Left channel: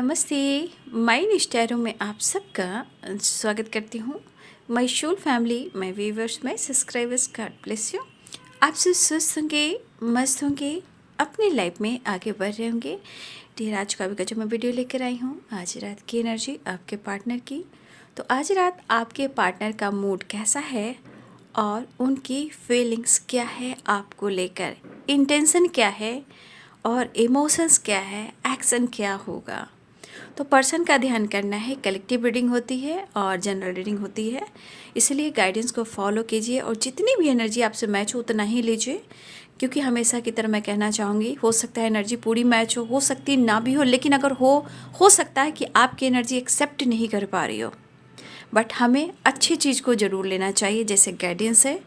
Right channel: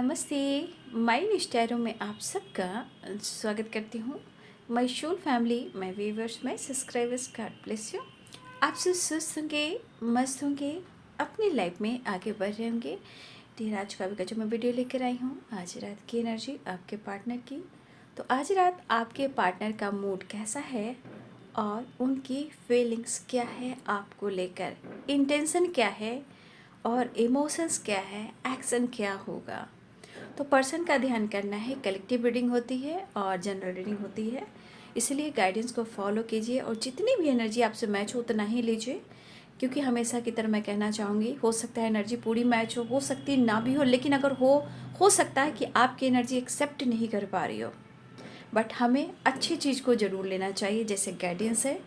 नमस्ते। माय निष्ठा में आप सबका स्वागत करती हूँ। My whole family, my viewers, my subscribers, God bless you. आप सब स्वस्थ होंगे, मस्त होंगे, अपनी लाइफ में आगे बढ़ रहे होंगे। डियर, आज का भी जो मैं वीडियो लेकर आई हूँ, आज रात की एनर्जी आपके पार्टनर की। तो आज रात आपके पार्टनर का मूड कैसा है और उनकी फीलिंग्स क्या है आपको लेकर, इंटेंशन क्या है और इमोशंस क्या है, एक्शन क्या होगा। तो पर्सन का ध्यान करना है। कलेक्टिव रीडिंग होती है और जनरल रीडिंग होती है, इसलिए गाइडेंस को फॉलो कीजिए और जितनी भी एनर्जी आपसे मैच हो उतना ही लीजिए। क्योंकि हमेशा की तरह मैं कहना चाहूँगी, हो सकता है एनर्जी पूरी मैच हो सकती ना भी हो, लेकिन अगर हो सकता है कि आपकी एनर्जी एक्सेप्ट नहीं कर पा रही हो, बट हमें अच्छी चीज़ को ज़रूर लेना चाहिए, जैसे गाइडेंस है,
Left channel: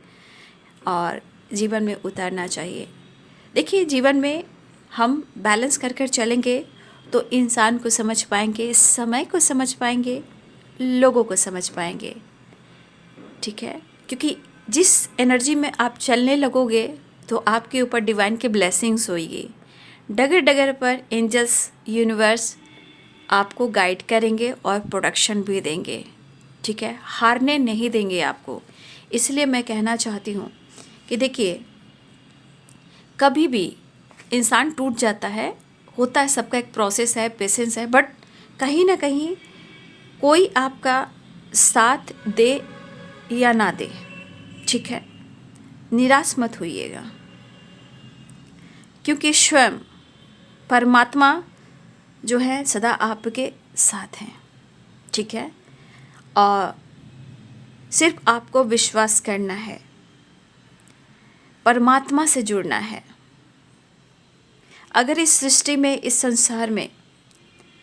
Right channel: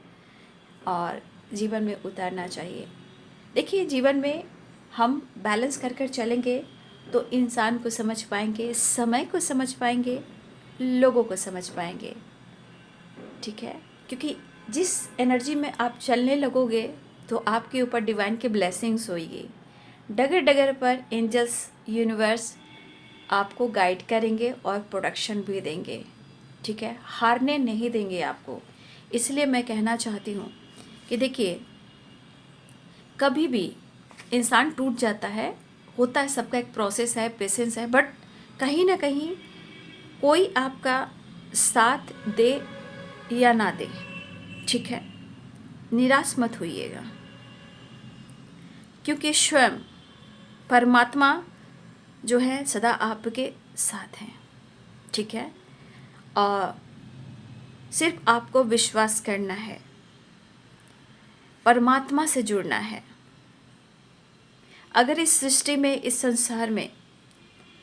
और जीवन में उतारना चाहिए। देखिए, जीवन में हम बैलेंस कर कर चलेंगे तो इंसान को समझ पाएंगे, समय को समझ पाएंगे, लोगों को समझ पाएंगे। ठीक है, क्योंकि जिस एनर्जी में आप चलने लगोगे तो आपके ऊपर डिवाइन की ब्लेसिंग्स होगी। डगर डगर पर एंजल्स, यूनिवर्स आपको गाइड करेंगे और प्रोडक्शन भी देंगे। ठीक है, हारने नहीं देंगे आपको। इसलिए मैं कहना चाहती हूँ कि देखिए, कभी भी इंसान टूट जाता है, होता है, सबका एक प्रोसेस है, पेशेंस है, बट कहीं ना कहीं कोई आपका साथ दे या ना दे, ठीक है, निराश मत होइएगा, क्योंकि स्वयं परमात्मा जो है सदा आपके साथ हैं। ठीक है, और सिर्फ आपको विश्वास करना है, परमात्मा से जुड़ना है। अगर इस सृष्टि में, इस संसार में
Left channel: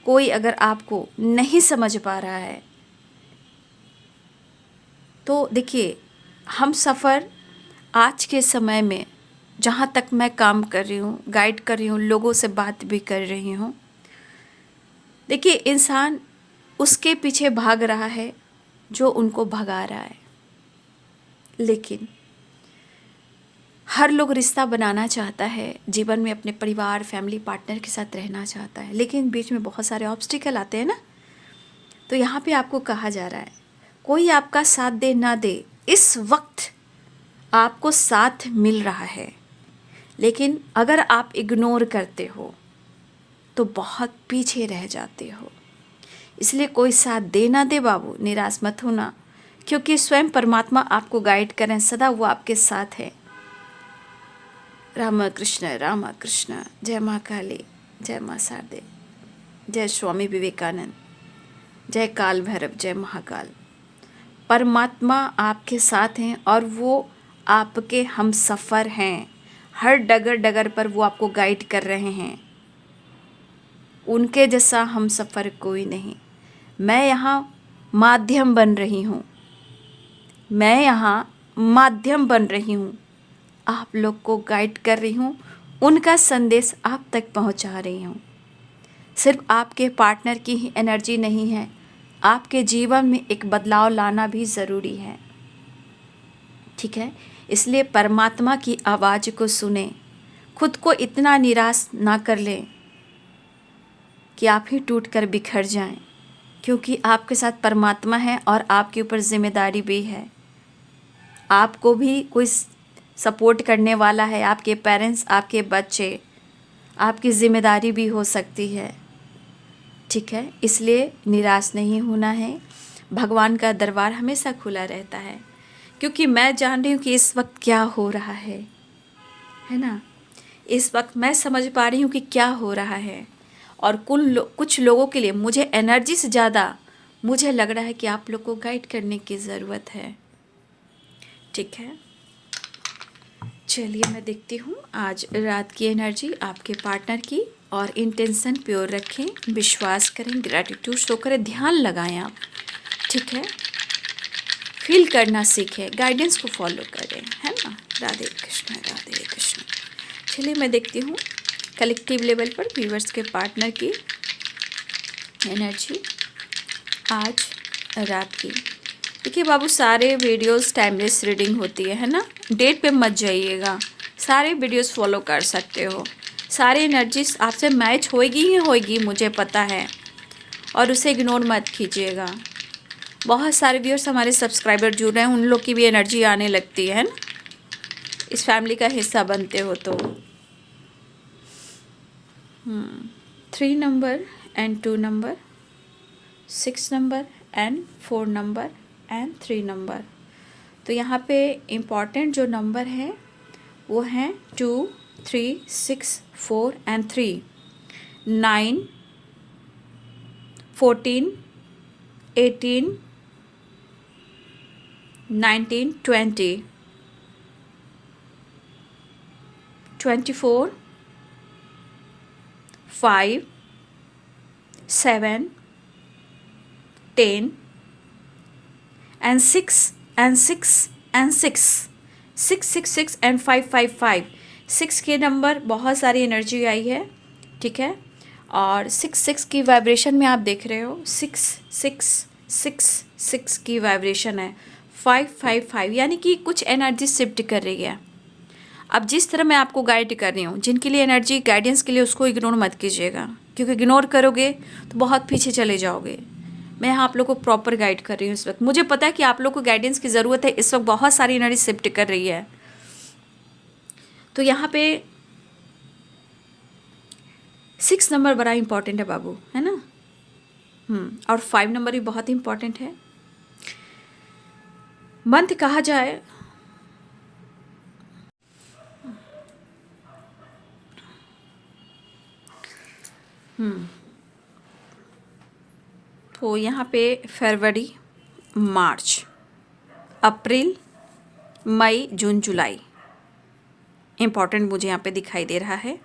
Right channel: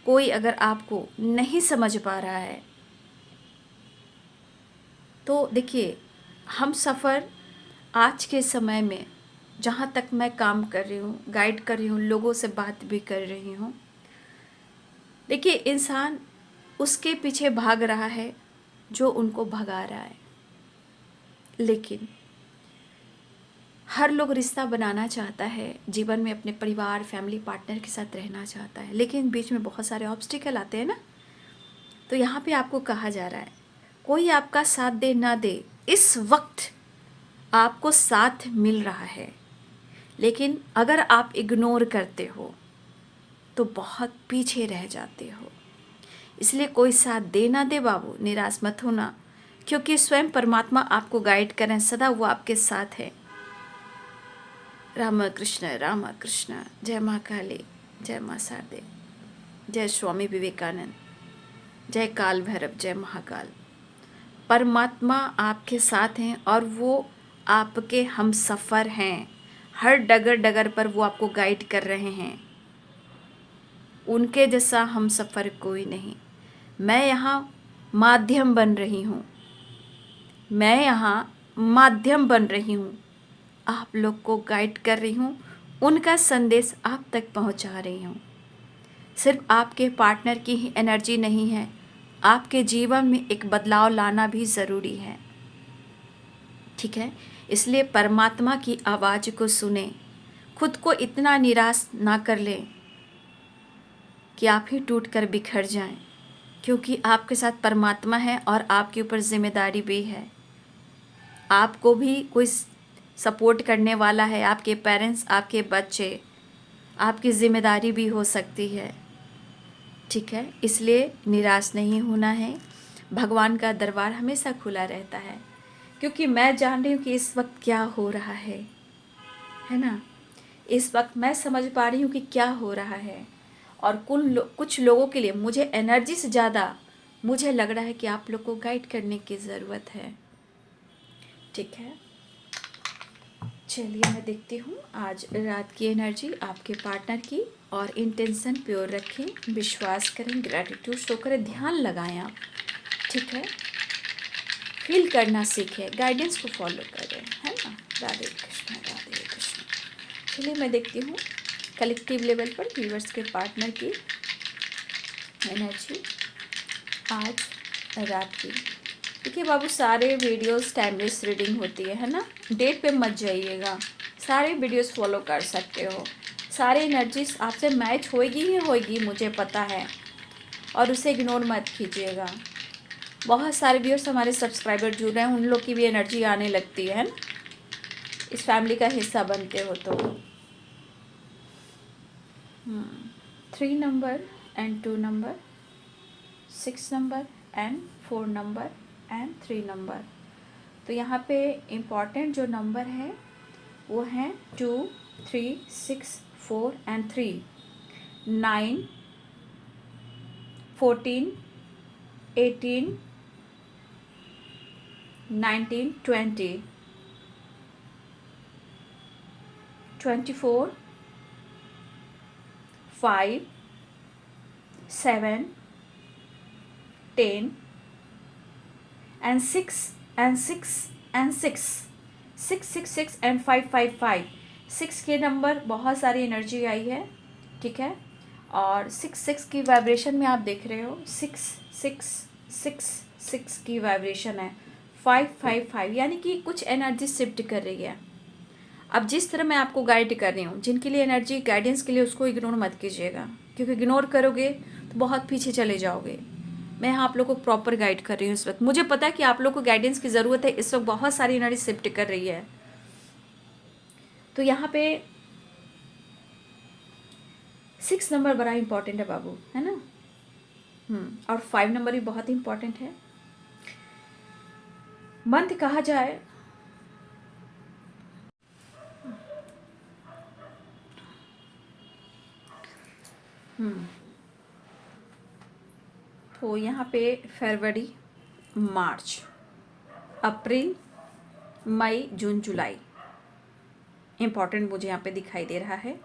कोई अगर आपको नहीं समझ पा रहा है, तो देखिए, हम सफ़र आज के समय में, जहाँ तक मैं काम कर रही हूँ, गाइड कर रही हूँ, लोगों से बात भी कर रही हूँ, देखिए, इंसान उसके पीछे भाग रहा है जो उनको भगा रहा है। लेकिन हर लोग रिश्ता बनाना चाहता है, जीवन में अपने परिवार, फैमिली, पार्टनर के साथ रहना चाहता है, लेकिन बीच में बहुत सारे ऑब्स्टिकल आते हैं ना। तो यहाँ पे आपको कहा जा रहा है, कोई आपका साथ दे ना दे, इस वक्त आपको साथ मिल रहा है, लेकिन अगर आप इग्नोर करते हो तो बहुत पीछे रह जाते हो। इसलिए कोई साथ दे ना दे बाबू, निराश मत होना, क्योंकि स्वयं परमात्मा आपको गाइड करें, सदा वो आपके साथ है। राम कृष्ण, जय माँ काली, जय माँ शारदे, जय स्वामी विवेकानंद, जय काल भैरव, जय महाकाल। परमात्मा आपके साथ हैं और वो आपके हम सफ़र हैं। हर डगर डगर पर वो आपको गाइड कर रहे हैं। उनके जैसा हम सफ़र कोई नहीं। मैं यहाँ माध्यम बन रही हूँ, मैं यहाँ माध्यम बन रही हूँ, आप लोग को गाइड कर रही हूँ, उनका संदेश आप तक पहुँचा रही हूँ। सिर्फ आपके पार्टनर की ही एनर्जी नहीं है, आपके जीवन में एक बदलाव लाना भी ज़रूरी है। ठीक है, इसलिए परमात्मा की आवाज़ को सुने, खुद को इतना निराश ना कर लें कि आप ही टूट कर बिखर जाएं, क्योंकि आपके साथ परमात्मा है और आपके ऊपर जिम्मेदारी भी है। आपको भी कोई सपोर्ट करने वाला है, आपके पेरेंट्स, आपके बच्चे, आपकी जिम्मेदारी भी हो सकती है। ठीक है, इसलिए निराश नहीं होना है। भगवान का दरबार हमेशा खुला रहता है, क्योंकि मैं जान रही हूँ कि इस वक्त क्या हो रहा है ना। इस वक्त मैं समझ पा रही हूँ कि क्या हो रहा है, और कुछ लोगों के लिए मुझे एनर्जी से ज़्यादा मुझे लग रहा है कि आप लोग को गाइड करने की ज़रूरत है। ठीक है, चलिए मैं देखती हूँ आज रात की एनर्जी आपके पार्टनर की, और इंटेंशन प्योर रखें, विश्वास करें, ग्रैटिट्यूड शो करें, ध्यान लगाएं आप। ठीक है, फील करना सीखें, गाइडेंस को फॉलो करें, है ना। राधे कृष्ण, राधे कृष्ण। चलिए मैं देखती हूँ कलेक्टिव लेवल पर व्यूअर्स के पार्टनर की एनर्जी आज रात की। देखिए बाबू, सारे वीडियोस टाइमलेस रीडिंग होती है ना, डेट पे मत जाइएगा, सारे वीडियोस फॉलो कर सकते हो, सारी एनर्जीज आपसे मैच होएगी ही होएगी, मुझे पता है। और उसे इग्नोर मत कीजिएगा। बहुत सारे व्यूअर्स हमारे सब्सक्राइबर जुड़ रहे हैं, उन लोग की भी एनर्जी आने लगती है ना, इस फैमिली का हिस्सा बनते हो तो। 3 number and 2 number, 6 number and 4 number and 3 number. तो यहाँ पे इम्पॉर्टेंट जो नंबर है वो हैं 2, 3, 6, 4 and 3, 9, 14, 18, 19, 20, 24, 5, 7, 10 and 6 and 6 and 6, 6, 6, 6 and 5, 5, 5। 6 के नंबर बहुत सारी एनर्जी आई है, ठीक है। और 6, 6 की वाइब्रेशन में आप देख रहे हो 6, 6, 6, 6 की वाइब्रेशन है। 5, 5, 5 यानी कि कुछ एनर्जी शिफ्ट कर रही है। अब जिस तरह मैं आपको गाइड कर रही हूँ, जिनके लिए एनर्जी गाइडेंस के लिए, उसको इग्नोर मत कीजिएगा, क्योंकि इग्नोर करोगे तो बहुत पीछे चले जाओगे। मैं यहाँ आप लोग को प्रॉपर गाइड कर रही हूँ इस वक्त। मुझे पता है कि आप लोग को गाइडेंस की ज़रूरत है, इस वक्त बहुत सारी एनर्जी शिफ्ट कर रही है। तो यहाँ पे 6 नंबर बड़ा इंपॉर्टेंट है बाबू, है ना। और 5 नंबर भी बहुत इंपॉर्टेंट है। मंत्र कहा जाए तो यहाँ पे फरवरी, मार्च, अप्रैल, मई, जून, जुलाई इम्पॉर्टेंट मुझे यहाँ पे दिखाई दे रहा है।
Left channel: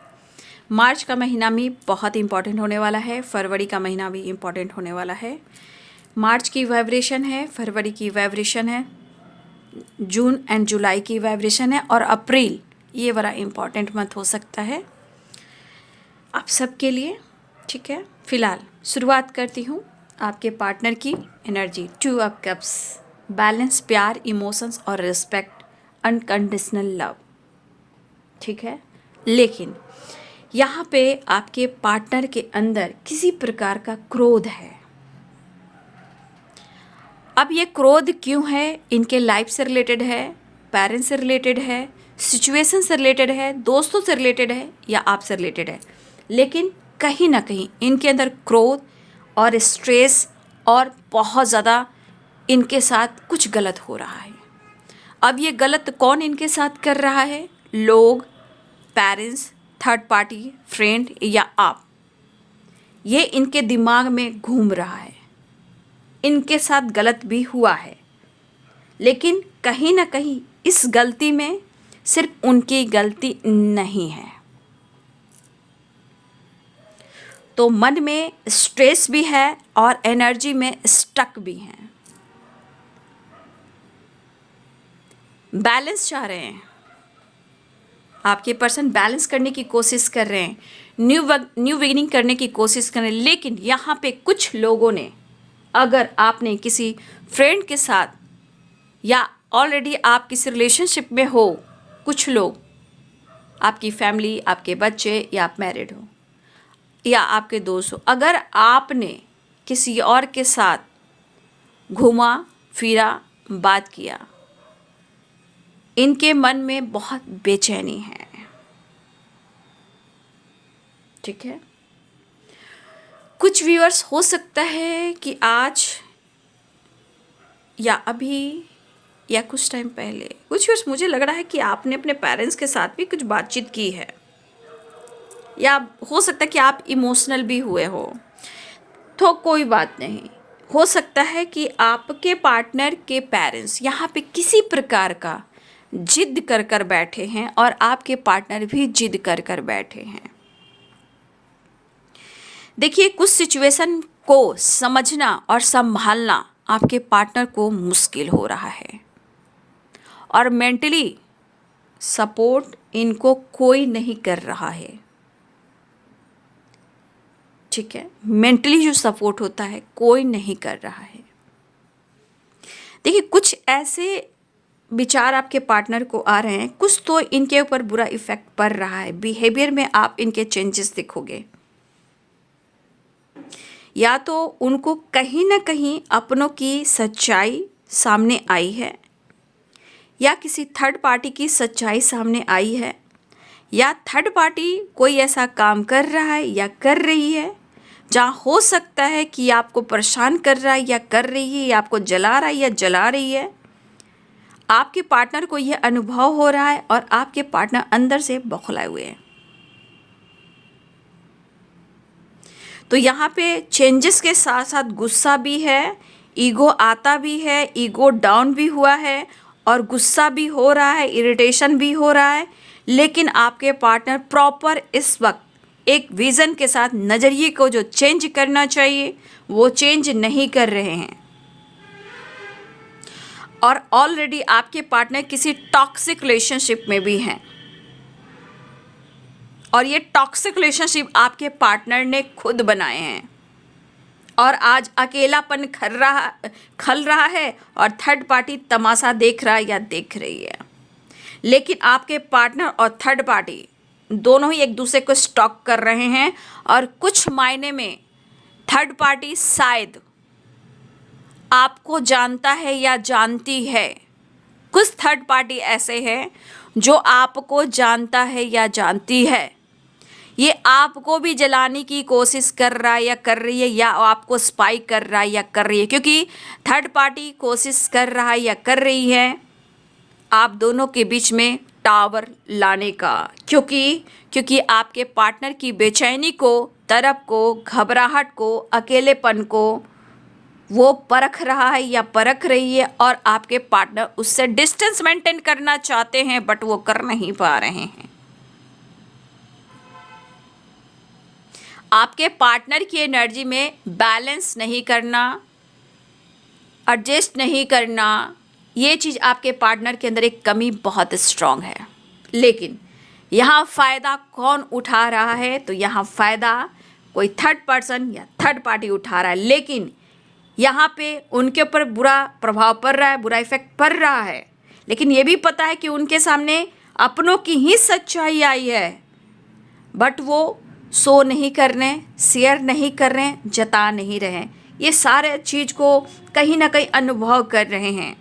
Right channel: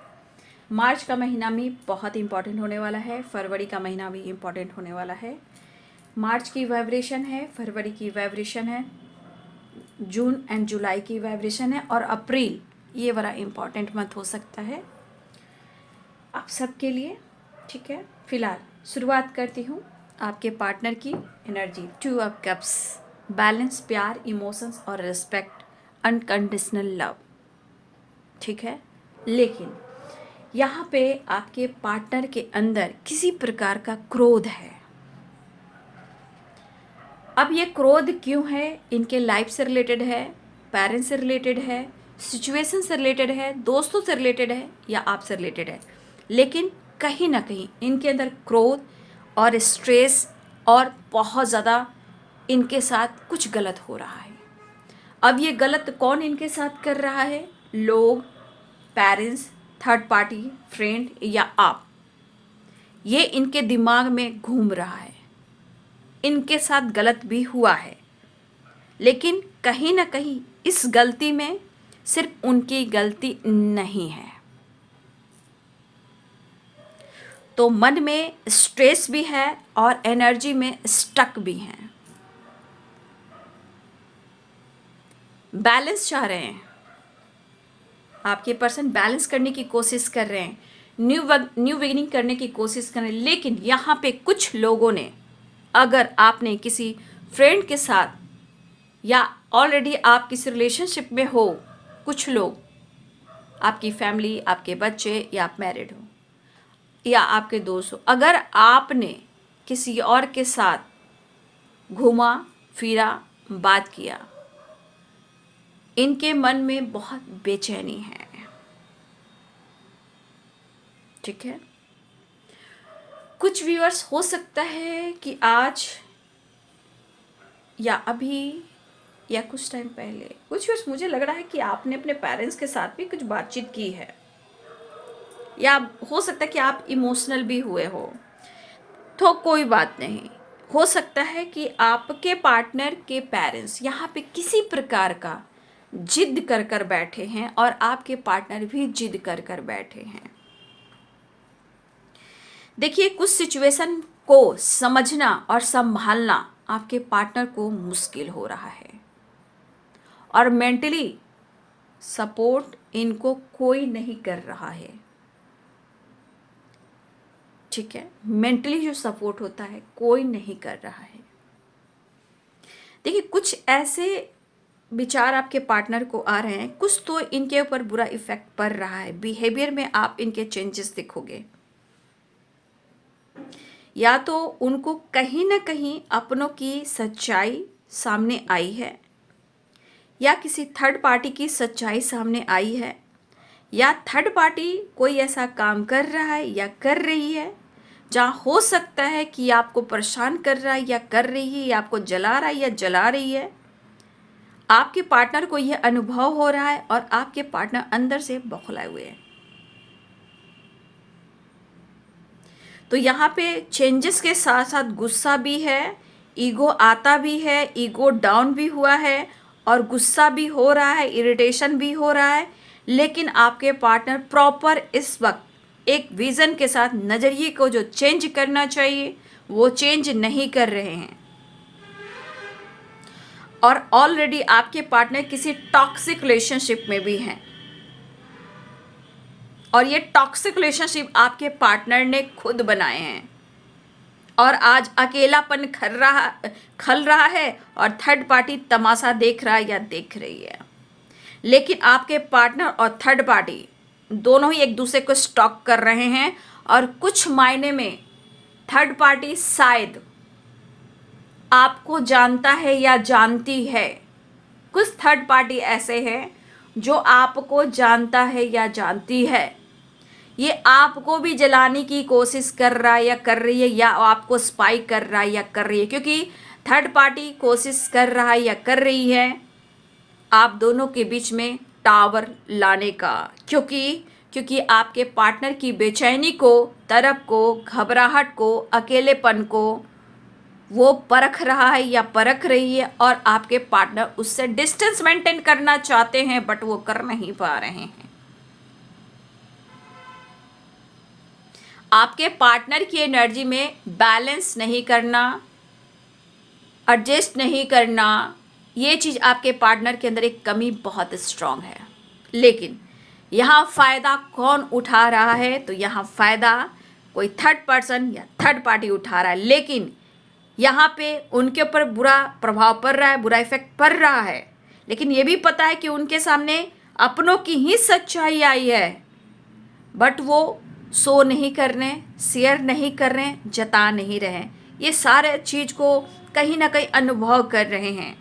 मार्च का महीना भी बहुत इम्पॉर्टेंट होने वाला है, फरवरी का महीना भी इम्पॉर्टेंट होने वाला है। मार्च की वाइब्रेशन है, फरवरी की वाइब्रेशन है, जून एंड जुलाई की वाइब्रेशन है, और अप्रैल ये बड़ा इम्पॉर्टेंट मंथ हो सकता है आप सबके लिए, ठीक है। फिलहाल शुरुआत करती हूँ आपके पार्टनर की एनर्जी। 2 ऑफ कप्स, बैलेंस, प्यार, इमोशंस और रिस्पेक्ट, अनकंडीशनल लव, ठीक है। लेकिन यहाँ पे आपके पार्टनर के अंदर किसी प्रकार का क्रोध है। अब ये क्रोध क्यों है? इनके लाइफ से रिलेटेड है, पेरेंट्स से रिलेटेड है, सिचुएशन से रिलेटेड है, दोस्तों से रिलेटेड है, या आपसे रिलेटेड है। लेकिन कहीं ना कहीं इनके अंदर क्रोध और स्ट्रेस और बहुत ज़्यादा इनके साथ कुछ गलत हो रहा है। अब ये गलत कौन इनके साथ कर रहा है? लोग, पेरेंट्स, थर्ड पार्टी, फ्रेंड या आप। ये इनके दिमाग में घूम रहा है, इनके साथ गलत भी हुआ है, लेकिन कहीं ना कहीं इस गलती में सिर्फ उनकी गलती नहीं है। तो मन में स्ट्रेस भी है और एनर्जी में स्टक भी है। बैलेंस चाह रहे हैं, आपके पर्सन बैलेंस करने की कोशिश कर रहे हैं, न्यू बिगिनिंग करने की कोशिश कर रहे हैं। लेकिन यहाँ पे कुछ लोगों ने, अगर आपने किसी फ्रेंड के साथ या ऑलरेडी आप किसी रिलेशनशिप में हो, कुछ लोग, आपकी फैमिली, आपके बच्चे, या आप मैरिड हो या आपके दोस्त हो, अगर आपने किसी और के साथ घूमा फिरा, बात किया, इनके मन में बहुत बेचैनी है, ठीक है। कुछ व्यूअर्स हो सकता है कि आज या अभी या कुछ टाइम पहले, कुछ व्यूअर्स मुझे लग रहा है कि आपने अपने पेरेंट्स के साथ भी कुछ बातचीत की है, या हो सकता है कि आप इमोशनल भी हुए हो। तो कोई बात नहीं, हो सकता है कि आपके पार्टनर के पेरेंट्स यहाँ पे किसी प्रकार का जिद कर कर बैठे हैं और आपके पार्टनर भी जिद कर कर बैठे हैं। देखिए, कुछ सिचुएशन को समझना और संभालना आपके पार्टनर को मुश्किल हो रहा है, और मेंटली सपोर्ट इनको कोई नहीं कर रहा है, ठीक है। मेंटली जो सपोर्ट होता है कोई नहीं कर रहा है। देखिए, कुछ ऐसे विचार आपके पार्टनर को आ रहे हैं, कुछ तो इनके ऊपर बुरा इफेक्ट पड़ रहा है, बिहेवियर में आप इनके चेंजेस देखोगे। या तो उनको कहीं ना कहीं अपनों की सच्चाई सामने आई है, या किसी थर्ड पार्टी की सच्चाई सामने आई है, या थर्ड पार्टी कोई ऐसा काम कर रहा है या कर रही है जहाँ हो सकता है कि आपको परेशान कर रहा है या कर रही है, या आपको जला रहा है या जला रही है। आपके पार्टनर को यह अनुभव हो रहा है और आपके पार्टनर अंदर से बौखलाए हुए हैं। तो यहाँ पे चेंजेस के साथ साथ गुस्सा भी है, ईगो आता भी है, ईगो डाउन भी हुआ है और गुस्सा भी हो रहा है, इरिटेशन भी हो रहा है। लेकिन आपके पार्टनर प्रॉपर इस वक्त एक विज़न के साथ नज़रिए को जो चेंज करना चाहिए वो चेंज नहीं कर रहे हैं, और ऑलरेडी आपके पार्टनर किसी टॉक्सिक रिलेशनशिप में भी हैं, और ये टॉक्सिक रिलेशनशिप आपके पार्टनर ने खुद बनाए हैं, और आज अकेलापन खल रहा है और थर्ड पार्टी तमाशा देख रहा है या देख रही है। लेकिन आपके पार्टनर और थर्ड पार्टी दोनों ही एक दूसरे को स्टॉक कर रहे हैं, और कुछ मायने में थर्ड पार्टी शायद आपको जानता है या जानती है। कुछ थर्ड पार्टी ऐसे हैं जो आपको जानता है या जानती है, ये आपको भी जलाने की कोशिश कर रहा है या कर रही है, या आपको स्पाई कर रहा है या कर रही है, क्योंकि थर्ड पार्टी कोशिश कर रहा है या कर रही है आप दोनों के बीच में टावर लाने का, क्योंकि आपके पार्टनर की बेचैनी को, तरफ को, घबराहट को, अकेलेपन को वो परख रहा है या परख रही है, और आपके पार्टनर उससे डिस्टेंस मेंटेन करना चाहते हैं बट वो कर नहीं पा रहे हैं। आपके पार्टनर की एनर्जी में बैलेंस नहीं करना, एडजस्ट नहीं करना, ये चीज़ आपके पार्टनर के अंदर एक कमी बहुत स्ट्रांग है। लेकिन यहाँ फ़ायदा कौन उठा रहा है? तो यहाँ फ़ायदा कोई थर्ड पर्सन या थर्ड पार्टी उठा रहा है, लेकिन यहाँ पे उनके ऊपर बुरा प्रभाव पड़ रहा है, बुरा इफेक्ट पड़ रहा है। लेकिन ये भी पता है कि उनके सामने अपनों की ही सच्चाई आई है, बट वो शो नहीं कर रहे, शेयर नहीं कर रहे, जता नहीं रहे। ये सारे चीज़ को कहीं ना कहीं अनुभव कर रहे हैं।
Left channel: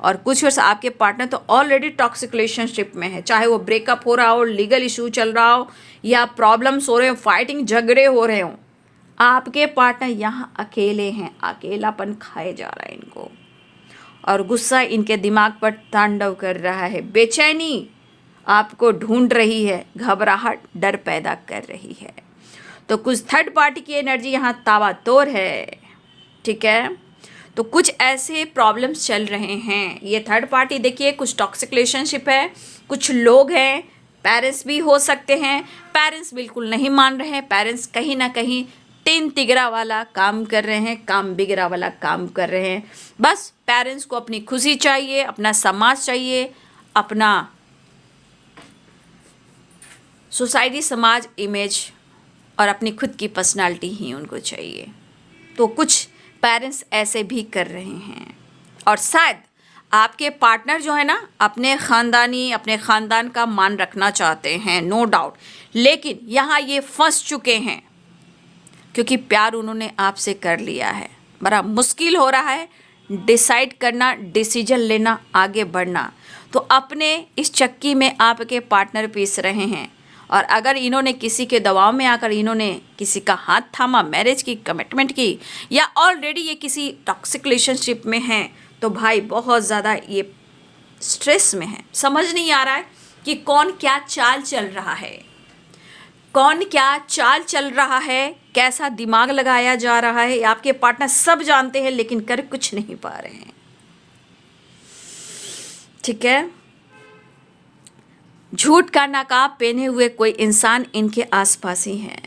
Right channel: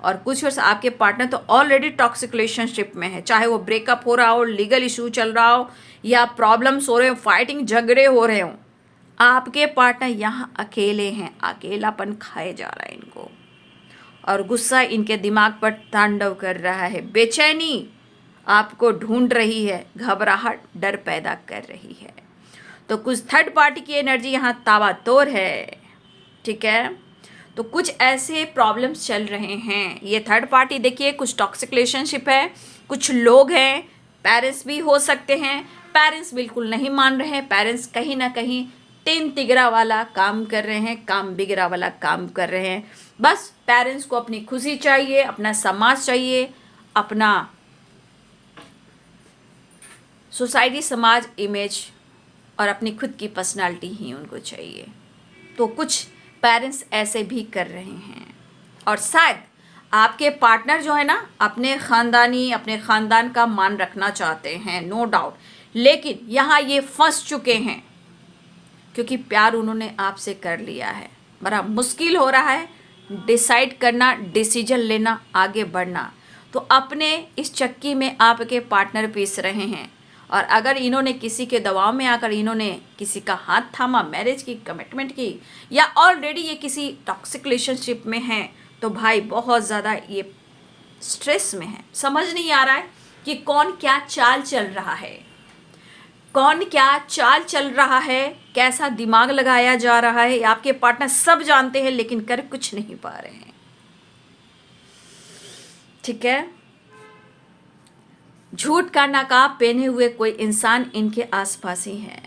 और कुछ वर्ष आपके पार्टनर तो ऑलरेडी टॉक्सिक रिलेशनशिप में है, चाहे वो ब्रेकअप हो रहा हो, लीगल इशू चल रहा हो, या प्रॉब्लम्स हो रहे हो, फाइटिंग झगड़े हो रहे हो। आपके पार्टनर यहाँ अकेले हैं, अकेलापन खाए जा रहा है इनको, और गुस्सा इनके दिमाग पर तांडव कर रहा है, बेचैनी आपको ढूंढ रही है, घबराहट, डर पैदा कर रही है। तो कुछ थर्ड पार्टी की एनर्जी यहाँ तावातोर है, ठीक है। तो कुछ ऐसे प्रॉब्लम्स चल रहे हैं। ये थर्ड पार्टी देखिए, कुछ टॉक्सिक रिलेशनशिप है, कुछ लोग हैं, पेरेंट्स भी हो सकते हैं। पेरेंट्स बिल्कुल नहीं मान रहे हैं, पेरेंट्स कहीं ना कहीं तीन तिगरा वाला काम कर रहे हैं, काम बिगड़ा वाला काम कर रहे हैं। बस पेरेंट्स को अपनी खुशी चाहिए, अपना समाज चाहिए, अपना सोसाइटी, समाज, इमेज और अपनी खुद की पर्सनालिटी ही उनको चाहिए। तो कुछ पेरेंट्स ऐसे भी कर रहे हैं, और शायद आपके पार्टनर जो है ना अपने ख़ानदान का मान रखना चाहते हैं, नो डाउट। लेकिन यहाँ ये फंस चुके हैं, क्योंकि प्यार उन्होंने आपसे कर लिया है। बड़ा मुश्किल हो रहा है डिसाइड करना, डिसीजन लेना, आगे बढ़ना। तो अपने इस चक्की में आपके पार्टनर पीस रहे हैं, और अगर इन्होंने किसी के दबाव में आकर इन्होंने किसी का हाथ थामा, मैरिज की, कमिटमेंट की, या ऑलरेडी ये किसी टॉक्सिक रिलेशनशिप में हैं, तो भाई बहुत ज़्यादा ये स्ट्रेस में है। समझ नहीं आ रहा है कि कौन क्या चाल चल रहा है, कौन क्या चाल चल रहा है, कैसा दिमाग लगाया जा रहा है। आपके पार्टनर सब जानते हैं लेकिन कर कुछ नहीं पा रहे हैं, ठीक है। झूठ का नकाब पहने हुए कोई इंसान इनके आसपास ही है,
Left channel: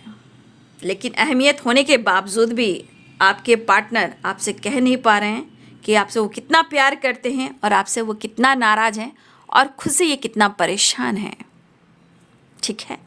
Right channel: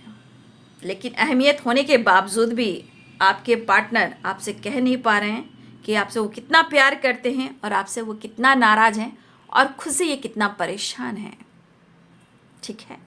लेकिन अहमियत होने के बावजूद भी आपके पार्टनर आपसे कह नहीं पा रहे हैं कि आपसे वो कितना प्यार करते हैं, और आपसे वो कितना नाराज़ हैं, और खुद से ये कितना परेशान हैं, ठीक है।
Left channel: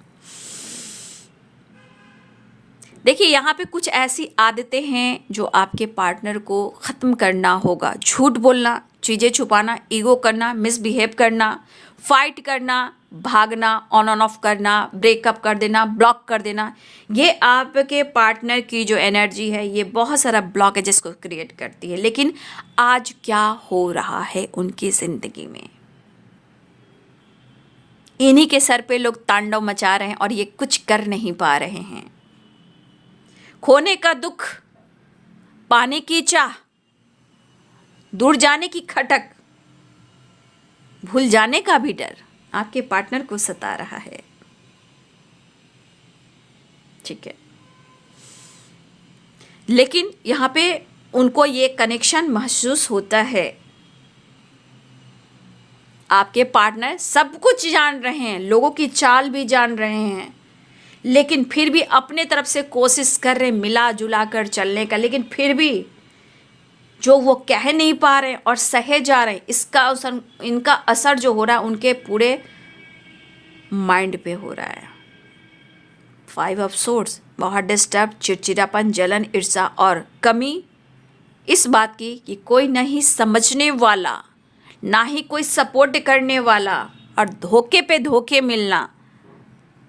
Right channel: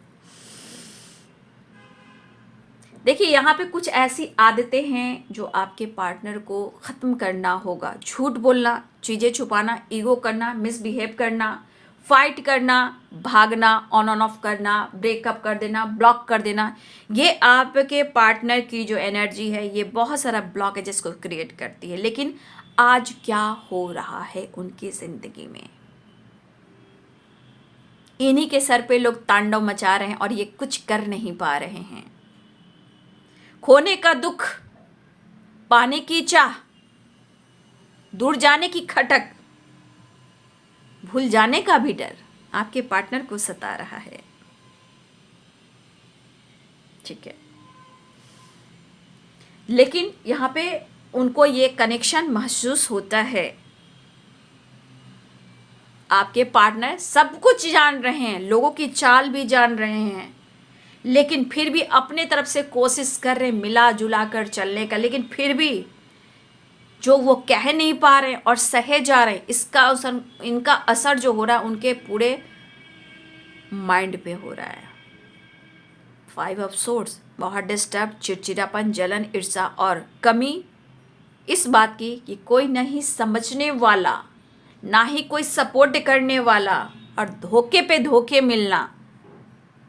देखिए यहाँ पे कुछ ऐसी आदतें हैं जो आपके पार्टनर को ख़त्म करना होगा। झूठ बोलना, चीज़ें छुपाना, ईगो करना, मिसबिहेव करना, फाइट करना, भागना, ऑन ऑफ करना, ब्रेकअप कर देना, ब्लॉक कर देना, ये आपके पार्टनर की जो एनर्जी है ये बहुत सारा ब्लॉकेजेस को क्रिएट करती है। लेकिन आज क्या हो रहा है उनकी ज़िंदगी में, इन्हीं के सर पे लोग तांडव मचा रहे हैं और ये कुछ कर नहीं पा रहे हैं। खोने का दुख, पाने की चाह, दूर जाने की खटक, भूल जाने का भी डर आपके पार्टनर को सता रहा है। ठीक है, लेकिन यहाँ पे उनको ये कनेक्शन महसूस होता है। आपके पार्टनर सब कुछ जान रहे हैं, लोगों की चाल भी जान रहे हैं, लेकिन फिर भी अपने तरफ से कोशिश कर रहे हैं मिला जुला कर चलने का, लेकिन फिर भी जो वो कह नहीं पा रहे और सहे जा रहे, इनका असर जो हो रहा है उनके पूरे माइंड पे हो रहा है। 5 ऑफ सोर्ड्स, बहुत डिस्टर्ब, चिड़चिड़ापन, जलन, ईर्ष्या और कमी इस बात की कि कोई नहीं समझने वाला, ना ही कोई सपोर्ट करने वाला, और धोखे पे धोखे मिलना,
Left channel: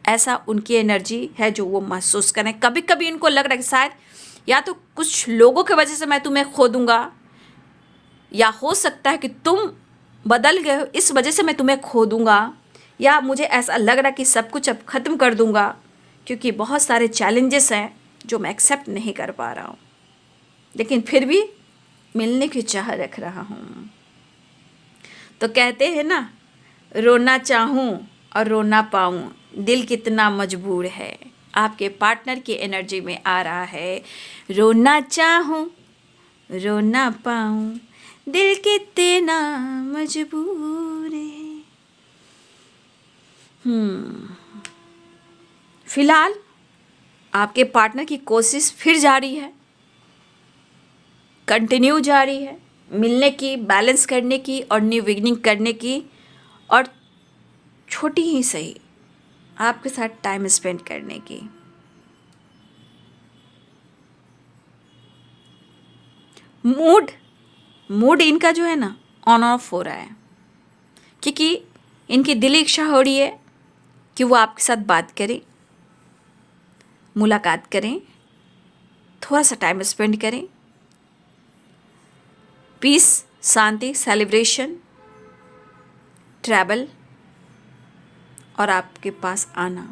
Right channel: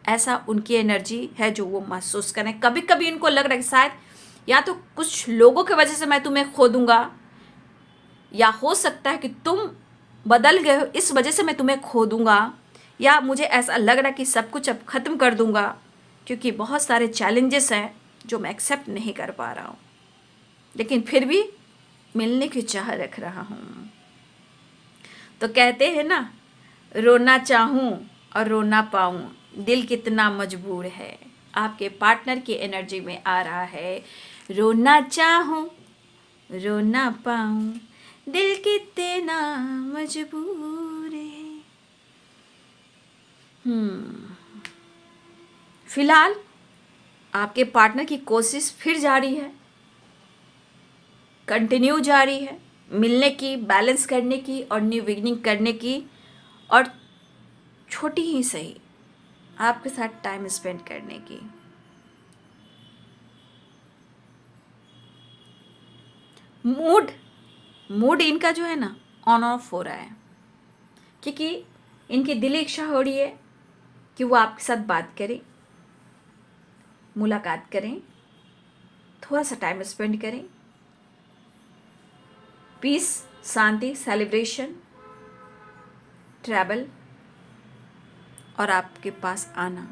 ऐसा उनकी एनर्जी है जो वो महसूस करें। कभी कभी इनको लग रहा है कि शायद या तो कुछ लोगों की वजह से मैं तुम्हें खो दूंगा, या हो सकता है कि तुम बदल गए हो इस वजह से मैं तुम्हें खो दूंगा, या मुझे ऐसा लग रहा है कि सब कुछ अब ख़त्म कर दूंगा क्योंकि बहुत सारे चैलेंजेस हैं जो मैं एक्सेप्ट नहीं कर पा रहा हूँ, लेकिन फिर भी मिलने की चाह रख रहा हूँ। तो कहते हैं ना, रोना चाहूँ और रोना पाऊँ, दिल कितना मजबूर है। आपके पार्टनर की एनर्जी में आ रहा है, रोना चाहूँ रोना पाऊँ, दिल कितना मजबूर है। फिलहाल आपके पार्टनर की कोशिश फिर जारी है, कंटिन्यू जारी है, मिलने की, बैलेंस करने की और न्यू बिगिनिंग करने की, और छोटी ही सही आपके साथ टाइम स्पेंड करने की। मूड इनका जो है ना ऑन ऑफ हो रहा है, क्योंकि इनकी दिली इच्छा हो रही है कि वो आपके साथ बात करें, मुलाकात करें, थोड़ा सा टाइम स्पेंड करें, पीस, शांति, सेलिब्रेशन, ट्रैवल और आपके पास आना।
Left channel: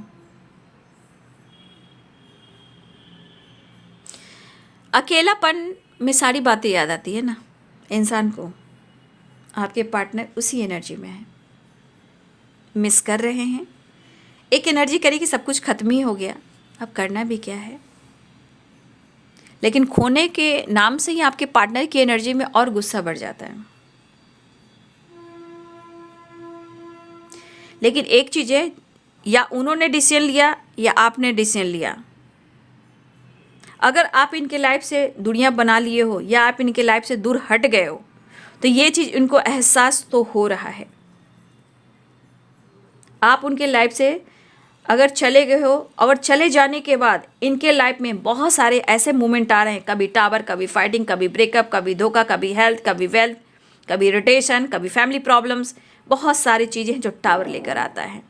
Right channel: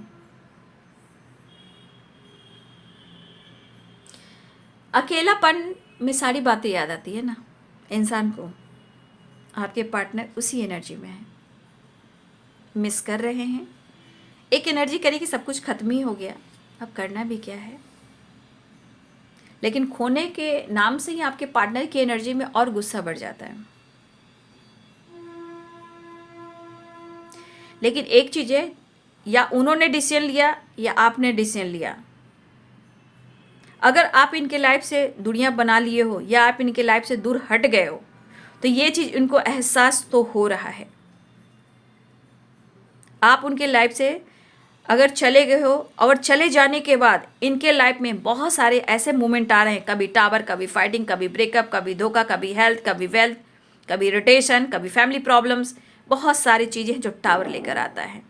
अकेलापन में सारी बातें याद आती है ना इंसान को। आपके पार्टनर उसी एनर्जी में है, मिस कर रहे हैं। एक एनर्जी करे कि सब कुछ खत्म ही हो गया, अब करना भी क्या है। लेकिन खोने के नाम से ही आपके पार्टनर की एनर्जी में और गुस्सा बढ़ जाता है। लेकिन एक चीज़ है, या उन्होंने डिसीजन लिया या आपने डिसीजन लिया। अगर आप इनके लाइफ से दुनिया बना लिए हो या आप इनके लाइफ से दूर हट गए हो, तो ये चीज़ इनको एहसास तो हो रहा है। आप उनके लाइफ से अगर चले गए हो, और चले जाने के बाद इनके लाइफ में बहुत सारे ऐसे मोमेंट आ रहे हैं, कभी टावर, कभी फाइटिंग, कभी ब्रेकअप, कभी धोखा, कभी हेल्थ, कभी वेल्थ, कभी इरिटेशन, कभी फैमिली प्रॉब्लम्स, बहुत सारी चीज़ें हैं जो टावर लेकर आता है।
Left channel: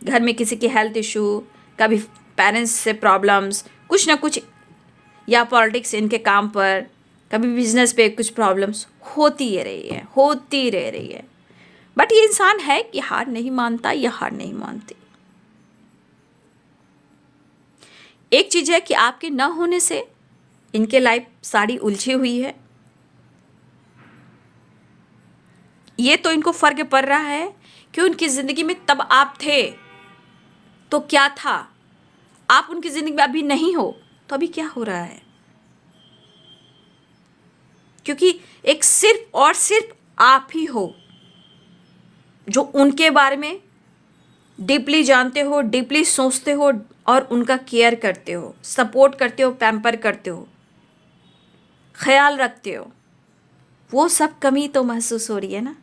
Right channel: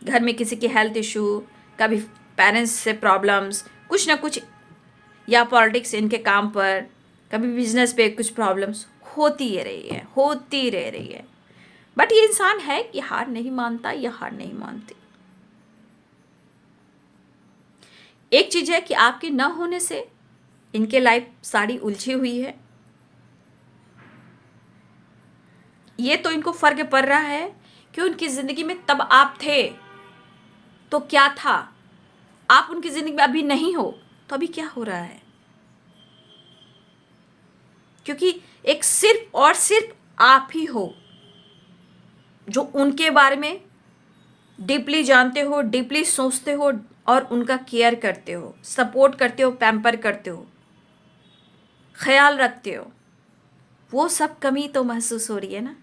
घर में किसी की हेल्थ इशू, कभी पेरेंट्स से प्रॉब्लम्स, कुछ ना कुछ, या पॉलिटिक्स इनके काम पर, कभी बिजनेस पे कुछ प्रॉब्लम्स होती रह रही है। बट ये इंसान है कि हार नहीं मानता या हार नहीं मानती। एक चीज़ है कि आपके न होने से इनके लाइफ सारी उलझी हुई है। ये तो इनको फर्क पड़ रहा है कि उनकी ज़िंदगी में तब आप थे तो क्या था, आप उनकी ज़िंदगी में अभी नहीं हो तो अभी क्या हो रहा है। क्योंकि एक सिर्फ और सिर्फ आप ही हो जो उनके बारे में डीपली जानते हो, डीपली सोचते हो और उनका केयर करते हो, सपोर्ट करते हो, पैम्पर करते हो, ख्याल रखते हो। वो सब कमी तो महसूस हो रही है ना।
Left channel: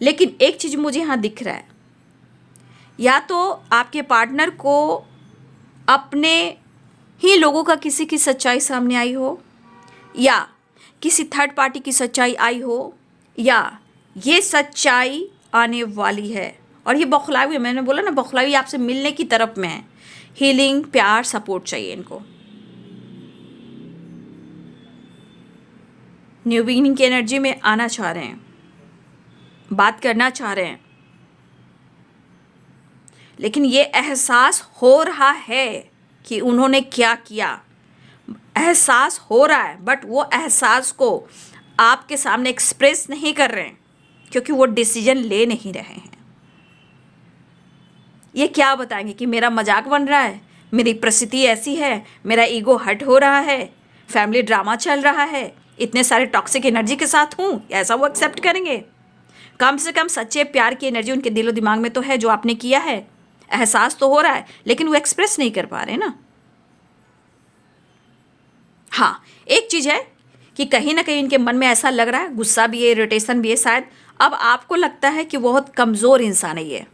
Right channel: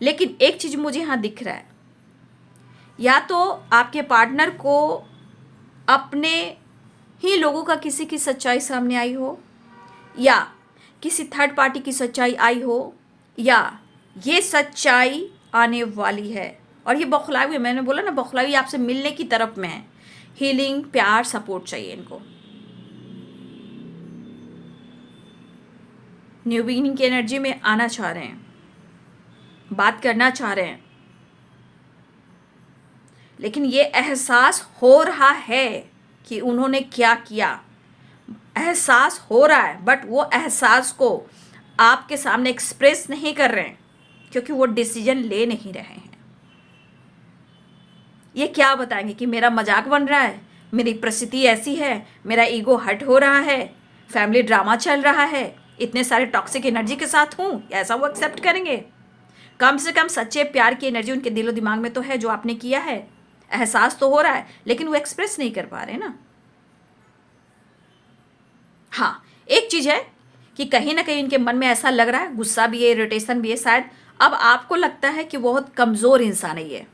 लेकिन एक चीज़ मुझे यहाँ दिख रहा है, या तो आपके पार्टनर को अपने ही लोगों का किसी की सच्चाई सामने आई हो, या किसी थर्ड पार्टी की सच्चाई आई हो, या ये सच्चाई आने वाली है। और ये बौखलाई हुई, मैंने बोला ना बौखलाई आपसे मिलने की तरफ में है। हीलिंग, प्यार, सपोर्ट चाहिए इनको। न्यू बिगिनिंग की एनर्जी में आना चाह रहे हैं, बात करना चाह रहे हैं, लेकिन ये एहसास हो रहा है कि उन्होंने क्या किया। एहसास हो रहा है, बट वो एहसास को आपके सामने एक्सप्रेस नहीं कर रहे हैं, क्योंकि वो डिसीजन ले नहीं रहे हैं। ये क्या बताएंगे कि मेरा मजाक बन रहा है, मेरी परिस्थिति ऐसी है, मेरा ईगो हर्ट हो रहा है, फैमिली ड्रामा चल रहा है, इतने सारे टॉक्सिक एनर्जी के साथ हूँ, ऐसा वो एक्सेप्ट करेंगे? कम से कम सच्चे प्यार की एनर्जी उनके दिलो दिमाग में तो है, जो आपने किया है, एहसास तो हो रहा है, लेकिन वो एक्सप्रेस नहीं कर पा रहे ना। हाँ, एक चीज़ है कि कहीं ना कहीं इनके मन में ऐसा लग रहा है, गुस्सा भी है, इरिटेशन भी है, शायद अब आपको लगता है कि बहुत कमज़ोर इंसान है ये,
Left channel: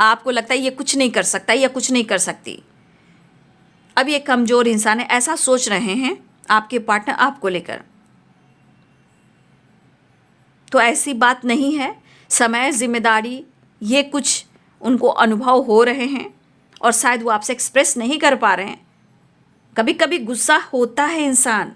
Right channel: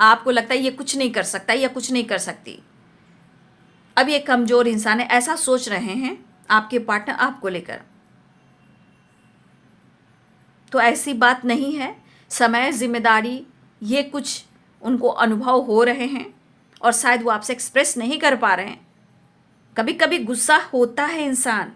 आपको लगता है ये कुछ नहीं कर सकता या कुछ नहीं कर सकती। अब ये कमज़ोर इंसान है, ऐसा सोच रहे हैं आपके पार्टनर आपको लेकर। तो ऐसी बात नहीं है। समय, जिम्मेदारी, ये कुछ उनको अनुभव हो रहे हैं और शायद वो आपसे एक्सप्रेस नहीं कर पा रहे हैं। कभी कभी गुस्सा होता है इंसान,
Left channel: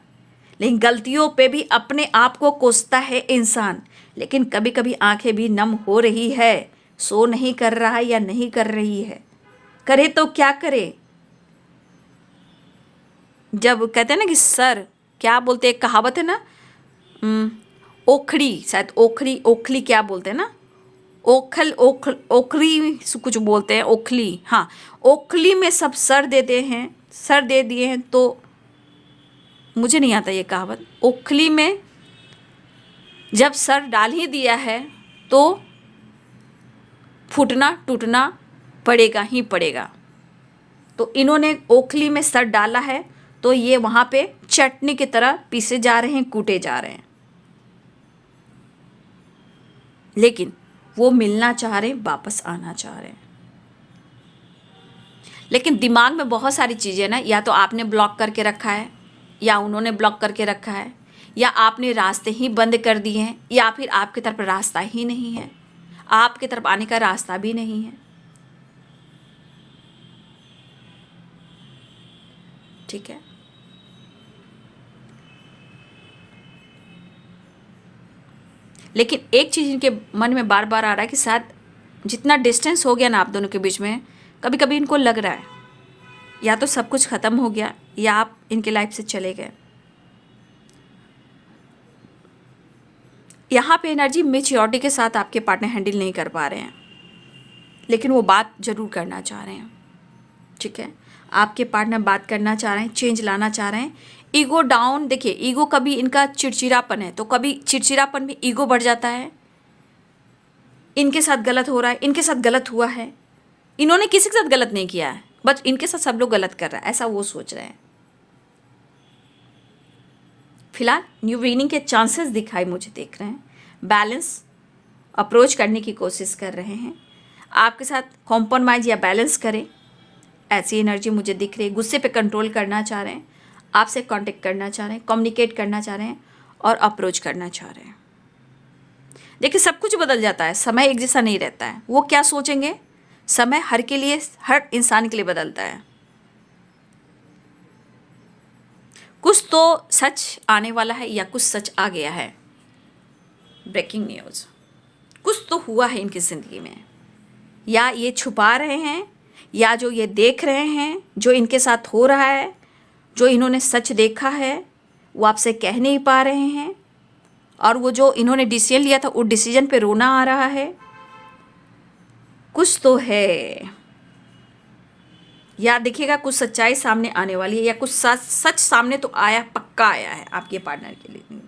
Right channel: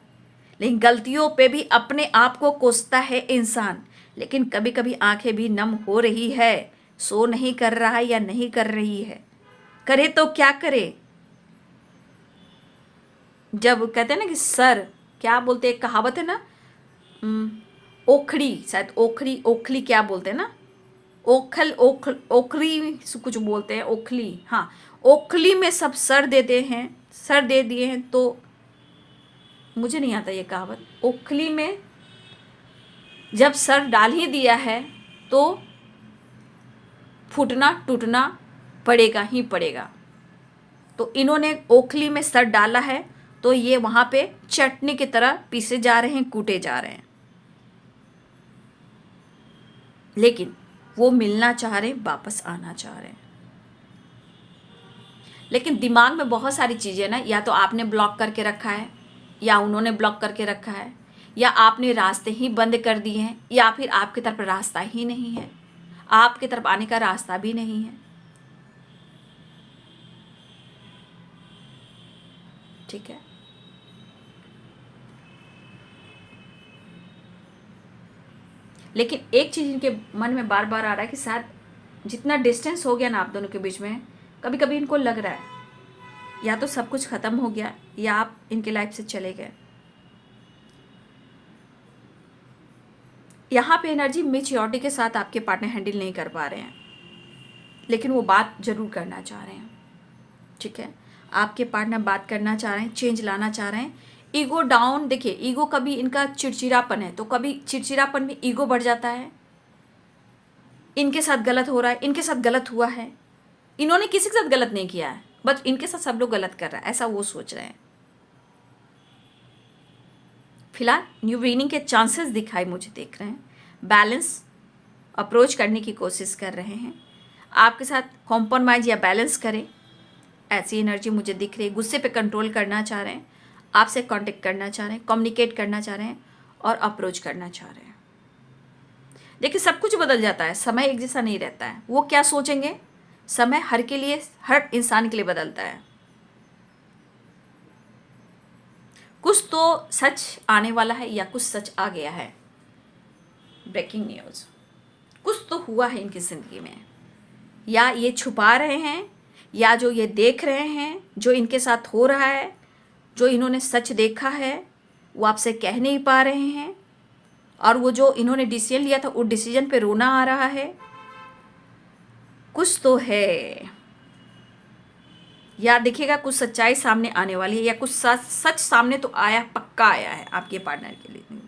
लेकिन गलतियों पे भी अपने आप को कोसता है इंसान। लेकिन कभी कभी आंखें भी नम हो रही है, सो नहीं कर रहा है या नहीं कर रही है, करे तो क्या करे। जब कहते हैं ना कि सर, क्या बोलते हैं, कहावत है ना, ओखड़ी, शायद ओखरी, ओखली क्या बोलते हैं ना, ओखरी कुछ बोलते हैं, ओखली, हाँ, ओखली में सब सर देते हैं, सर दे दिए हैं। तो मुझे नहीं आता ये कहावत। ओखली में जब सर डाल ही दिया है तो फूटना टूटना पड़ेगा ही पड़ेगा। तो इन्होंने ओखली में सर डाला है, तो ये वहाँ पे चटनी की तरह पीसे जा रहे हैं, कूटे जा रहे हैं। लेकिन वो मिलना चाह रहे हैं, वापस आना चाह रहे हैं। लेकिन दिमाग में बहुत सारी चीज़ें ना, या तो आपने ब्लॉक करके रखा है, या उन्होंने ब्लॉक करके रखा है, या आपने रास्ते ही बंद कर दिए हैं, या फिर आपकी तरफ रास्ता ही नहीं है, आपकी तरफ आने का रास्ता भी नहीं है। ठीक है, लेकिन एक चीज़ इनके मन में बार बार आ रहा है कि शायद जितना डिस्टेंस हो गया ना आप दोनों के बीच में, कभी कभी इनको लग रहा है या तो सब कुछ ख़त्म हो गया, या आप इनके लाइफ से चले गए। यहाँ पे एनर्जी मेच्योरिटी के साथ आपके पार्टनर हैंडल नहीं कर पा रहे हैं, लेकिन वो बात ज़रूर करना चाह रहे हैं। ठीक है, आपके पार्टनर बात करना चाह रहे हैं, चेंज लाना चाह रहे हैं। ईगो डाउन, देखिए ईगो कभी इनका चिड़चिड़ापन है, तो कभी चिड़चिड़ापन में ईगो बढ़ जाता है। इनके साथ गलत हो रहा है, इनके साथ गलत हुआ है, इन्होंने किसी के साथ गलत नहीं किया है, बस इनके साथ सब लोग गलत कर रहा है, ऐसा वो सोच रहे हैं। फिलहाल न्यू बिगिनिंग के चांसेस दिखाई मुझे देख रहे हैं, बैलेंस अप्रोच करने की कोशिश कर रहे हैं, आपके साथ कॉम्प्रोमाइज़ या बैलेंस करें, ऐसी एनर्जी मुझे दिख रही है। गुस्से पे कंट्रोल करना चाह रहे हैं, आपसे कांटेक्ट करना चाह रहे हैं, कम्युनिकेट करना चाह रहे हैं और अप्रोच करना चाह रहे हैं। देखिए सब कुछ बदल जाता है, समय एक जैसा नहीं रहता है। वो क्या सोचेंगे, समय हर के लिए, हर इंसान के लिए बदलता है। कुछ तो सच आने वाला है या कुछ सच आ गया है। ब्रेकिंग न्यूज़, कुछ तो हुआ है इनकी ज़िंदगी में, या ये छुपा रहे हैं, या जो ये देख रहे हैं, जो इनके साथ हो रहा है, जो इन्होंने सच देखा है, वो आपसे कह नहीं पा रहे हैं। और वो जो इन्होंने डिसीजन लिया था, वो डिसीजन पे रोना आ रहा है। कुछ तो है, या देखिएगा कुछ सच्चाई सामने आने वाली है, या कुछ सच सामने तो आया, पक्का आया है आपके पार्टनर के लिए,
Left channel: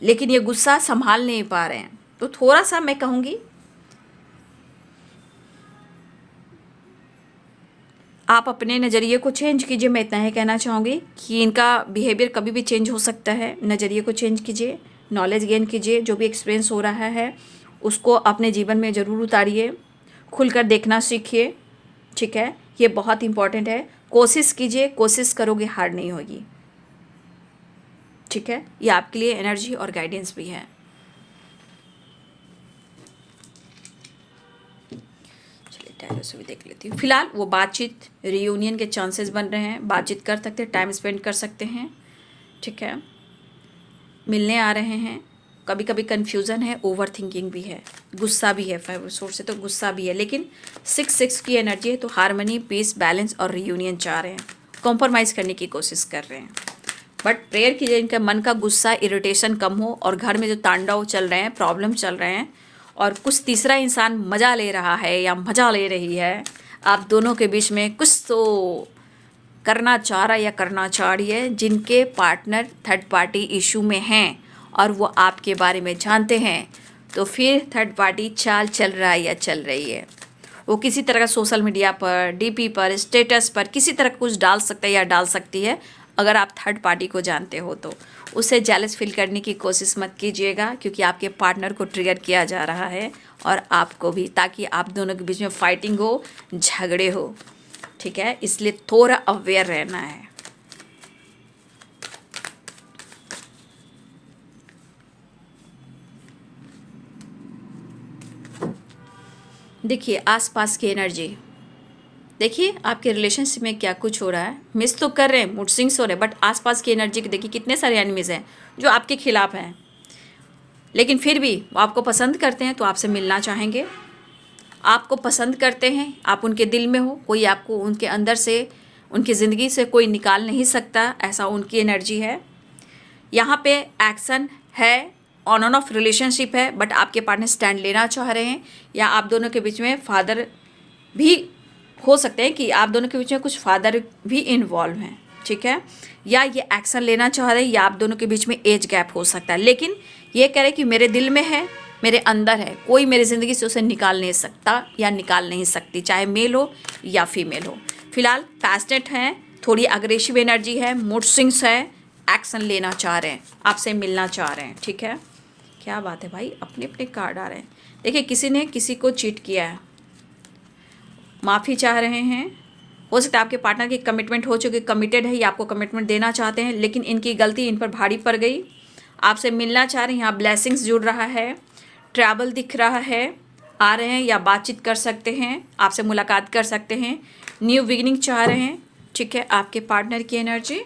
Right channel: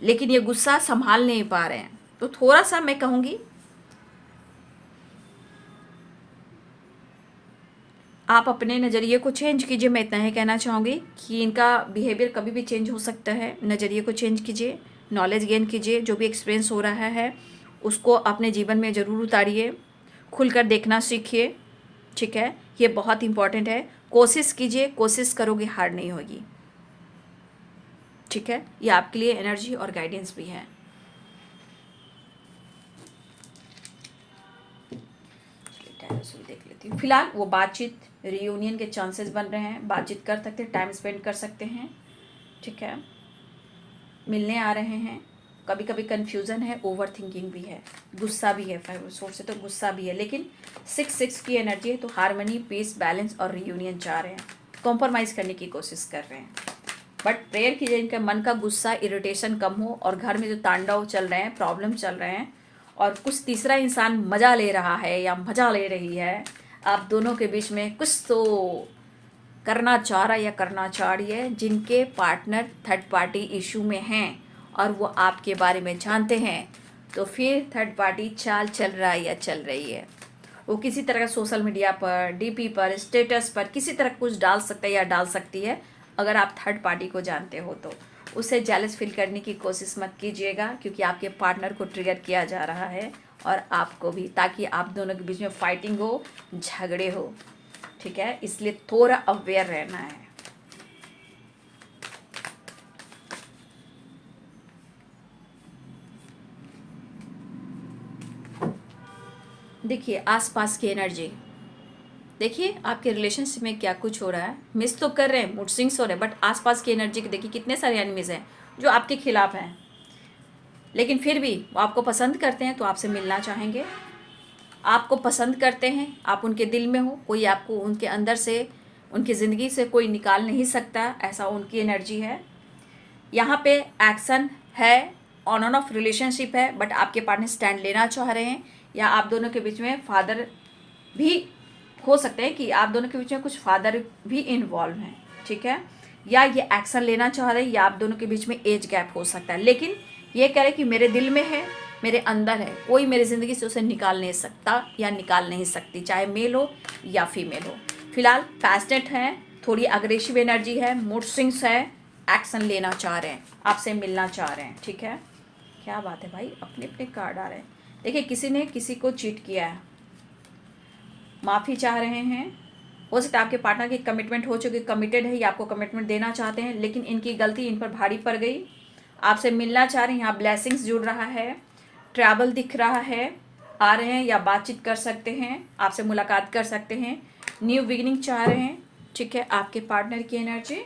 लेकिन ये गुस्सा संभाल नहीं पा रहे हैं। तो थोड़ा सा मैं कहूँगी आप अपने नज़रिए को चेंज कीजिए। मैं इतना ही कहना चाहूँगी कि इनका बिहेवियर कभी भी चेंज हो सकता है। नज़रिए को चेंज कीजिए, नॉलेज गेन कीजिए, जो भी एक्सपीरियंस हो रहा है उसको अपने जीवन में ज़रूर उतारिए, खुलकर देखना सीखिए। ठीक है, ये बहुत इम्पॉर्टेंट है। कोशिश कीजिए, कोशिश करोगे हार नहीं होगी। ठीक है, ये आपके लिए एनर्जी और गाइडेंस भी है। इधर से भी देख लेती हूँ। फिलहाल वो बातचीत, रियूनियन के चांसेस बन रहे हैं, बातचीत कर सकते हैं, टाइम स्पेंड कर सकते हैं, ठीक है, मिलने आ रहे हैं। कभी कभी कन्फ्यूज़न है, ओवर थिंकिंग भी है, गुस्सा भी है, 5 सोर्स से तो गुस्सा भी है, लेकिन 6 की एनर्जी है तो हार्मनी, पीस, बैलेंस और रियूनियन चाह रहे हैं, कॉम्प्रोमाइज़ करने की कोशिश कर रहे हैं। बट प्रेयर कीजिए इनका मन का गुस्सा, इरिटेशन कम हो और घर में जो तांडव चल रहे हैं, प्रॉब्लम चल रहे हैं और कुछ तीसरा इंसान मज़ा ले रहा है या मज़ा ले रही है, आप दोनों के बीच में कुछ तो करना चाह रहा या करना चाह रही है, जिनके पार्टनर थर्ड पार्टी इशू में हैं और वो आपके बारे में जानते हैं, तो फिर थर्ड पार्टी चाल चल रहा है या चल रही है। वो किसी तरह का सोशल मीडिया पर, डीपी पर, स्टेटस पर किसी तरह कुछ डाल सकता है या डाल सकती है। अगर आप थर्ड पार्टी को जानते हो तो उससे जेलस फील करने की कोशिश मत कीजिएगा, क्योंकि आपके पार्टनर को ट्रिगर किया जा रहा है और आपको भी, ताकि आप दोनों के बीच में फाइटिंग हो, झगड़े हो, ठीक है। इसलिए थोड़ा अवेयर रहना है। देखिए आसपास की एनर्जी, देखिए आपके रिलेशनशिप में क्या कुछ हो रहा है। मिस तो कर रहे हैं, मूड स्विंग्स हो रहे हैं, बट आसपास की एनर्जी देखिए कितने सारे एनिमीज हैं जो आपके खिलाफ हैं, लेकिन फिर भी वो आपको पसंद करते हैं तो आपसे मिलना चाहेंगे, आपको पसंद करते हैं, आप उनके दिल में हो, कोई आपको उनके अंदर से, उनकी ज़िंदगी से कोई निकाल नहीं सकता, ऐसा उनकी एनर्जी है। यहाँ पे एक्शन है, ऑन एंड ऑफ रिलेशनशिप है, बट आपके पार्टनर स्टैंड लेना चाह रहे हैं, या आप दोनों के बीच में फादर भी हो सकते हैं, कि आप दोनों के बीच में कुछ फादर भी इन्वॉल्व हैं, ठीक है, या ये एक्शन लेना चाह रहे हैं, या आप दोनों के बीच में एज गैप हो सकता है, लेकिन ये कह रहे कि मेरे दिल में है, मेरे अंदर है, कोई मेरी ज़िंदगी से उसे निकाल नहीं सकता या निकाल नहीं सकती, चाहे मेल हो या फीमेल हो। फिलहाल पैशनेट हैं, थोड़ी अग्रेसिव एनर्जी है, मूड स्विंग्स है, एक्शन लेना चाह रहे हैं, आपसे मिलना चाह रहे हैं, ठीक है। क्या बात है भाई, अपने अपने कार्ड आ रहे हैं। देखिए किसी ने किसी को चीट किया है, माफ़ी चाह रहे हैं, हो सकता है आपके पार्टनर की कमिटमेंट हो चुकी, कमिटेड है या आपको कमिटमेंट देना चाहते हैं, लेकिन इनकी गलती इन पर भारी पड़ गई, आपसे मिलना चाह रहे हैं। यहाँ ब्लेसिंग्स जुड़ रहा है, ट्रैवल दिख रहा है, आ रहे हैं या बातचीत कर सकते हैं, आपसे मुलाकात कर सकते हैं, न्यू बिगिनिंग चाह रहे हैं, ठीक है। आपके पार्टनर की एनर्जी,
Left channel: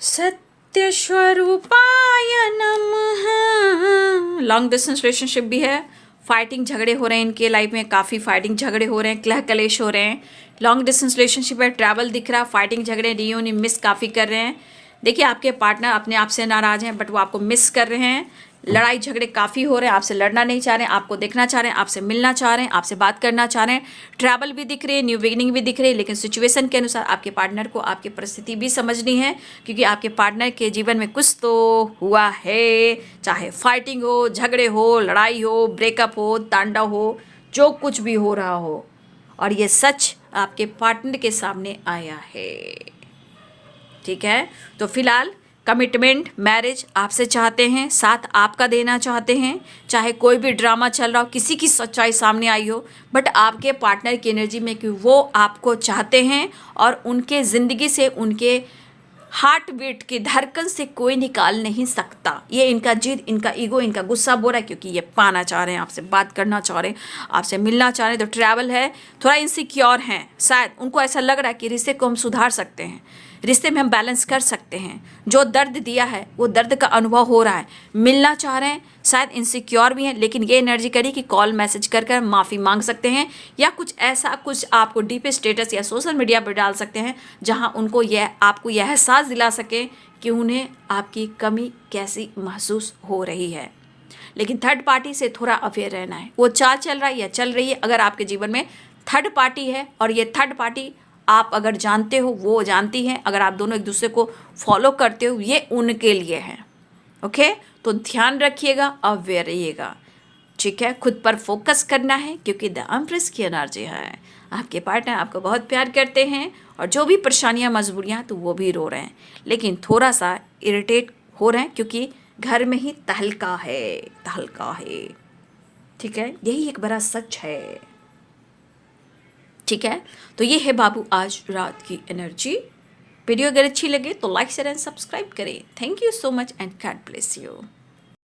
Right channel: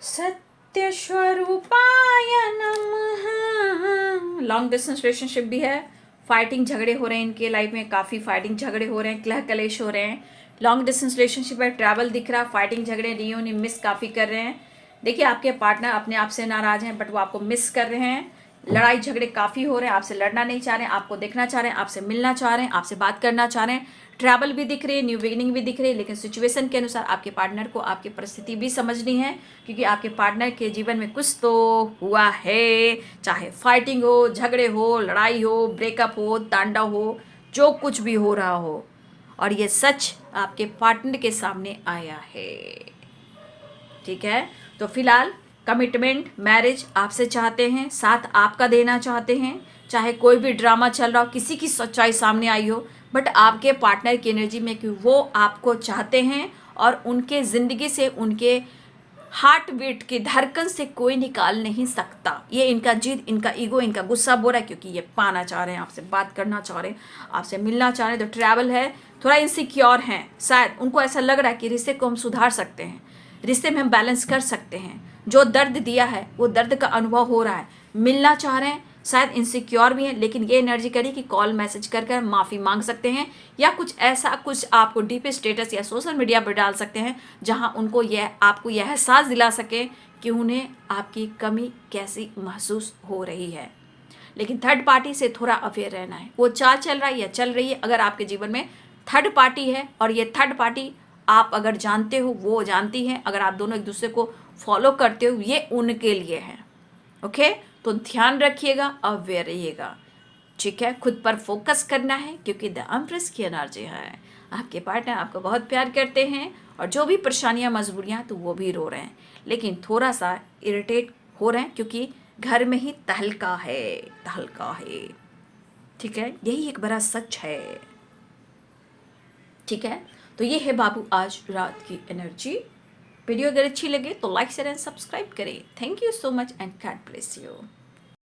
सत्य स्वरूपाय नमः। लॉन्ग डिस्टेंस रिलेशनशिप भी है, फाइटिंग झगड़े हो रहे हैं इनके लाइफ में, काफ़ी फाइटिंग झगड़े हो रहे हैं, कलह कलेश हो रहे हैं। लॉन्ग डिस्टेंस रिलेशनशिप है, ट्रैवल दिख रहा, फाइटिंग झगड़े, रियूनियन मिस काफ़ी कर रहे हैं। देखिए आपके पार्टनर अपने आप से नाराज़ हैं, बट वो आपको मिस कर रहे हैं, लड़ाई झगड़े काफ़ी हो रहे हैं, आपसे लड़ना नहीं चाह रहे हैं, आपको देखना चाह रहे हैं, आपसे मिलना चाह रहे हैं, आपसे बात करना चाह रहे हैं, ट्रैवल भी दिख रही है, न्यू बिगिनिंग भी दिख रही है, लेकिन सिचुएशन के अनुसार आपके पार्टनर को आपकी परिस्थिति भी समझनी है, क्योंकि आपके पार्टनर के जीवन में कुछ तो हुआ है, चाहे फाइटिंग हो, झगड़े हो, लड़ाई हो, ब्रेकअप हो, तांडव हो, जो कुछ भी हो रहा हो, और ये सच आपके पार्टनर के सामने आया है, ठीक है। तो फिलहाल कमिटमेंट, मैरिज आपसे चाहते हैं, साथ आपका देना चाहते हैं, चाहे कोई भी ड्रामा चल रहा हो, किसी की सच्चाई सामने आई हो, बट आपके पार्टनर की एनर्जी में कि वो आपको चाहते हैं और उनके ज़िंदगी से, उनके हार्ट बीट की धड़कन से कोई निकाल नहीं सकता। ये इनका जिद, इनका ईगो, इनका गुस्सा बोल रहा है, क्योंकि ये पाना चाह रहे हैं, आपसे बात करना चाह रहे हैं, आपसे मिलना चाह रहे हैं। तो ट्रैवल है, थोड़ा इनसिक्योर हैं, शायद उनको ऐसा लग रहा है कि रिश्ते को हम सुधार सकते हैं, रिश्ते में हम बैलेंस कर सकते हैं, जो दर्द दिया है वो दर्द का अनुभव हो रहा है, मिलना चाह रहे हैं, शायद इनसिक्योर भी हैं, लेकिन ये एनर्जी करी कि कॉल मैसेज कर कर माफ़ी मांग सकते हैं, या कुछ ऐसा कुछ आपको डीप स्टेटस या सोशल मीडिया पर डाल सकते हैं, जहां उनको यह, आपको यह एहसास दिला सके कि उन्हें आपकी कमी कैसी महसूस हो रही है। लेकिन थर्ड पार्टी से थोड़ा अवेयर रहना है, वो चाल चल रहा है या चल रही है। अगर आपके जीवन में थर्ड पार्टी है और ये थर्ड पार्टी आप अगर जानते हो, वो जानती हैं, अगर आप दोनों एक दूसरे को फॉलो करते हो, ये उनके लिए है, ओके। तो ध्यान रखिएगा, अवेयर रहिएगा, ठीक है। खुद पर फोकस करना है, क्योंकि द एम्प्रेस की एनर्जी है, आपके पार्टनर आपको बहुत प्यार करते हैं, और जो भी परेशानियां, मजबूरियां, तो वो भी रो रहे हैं, लेकिन थोड़ा सा इरिटेट हो रहे हैं, क्योंकि घर में ही तहलका है, तहलका है, ठीक है। यही एक बड़ा सच है, ठीक है। तो ये है बाबू आज रात की एनर्जी। वीडियो अगर अच्छी लगे तो लाइक शेयर एंड सब्सक्राइब करें। Thank you so much and God bless you.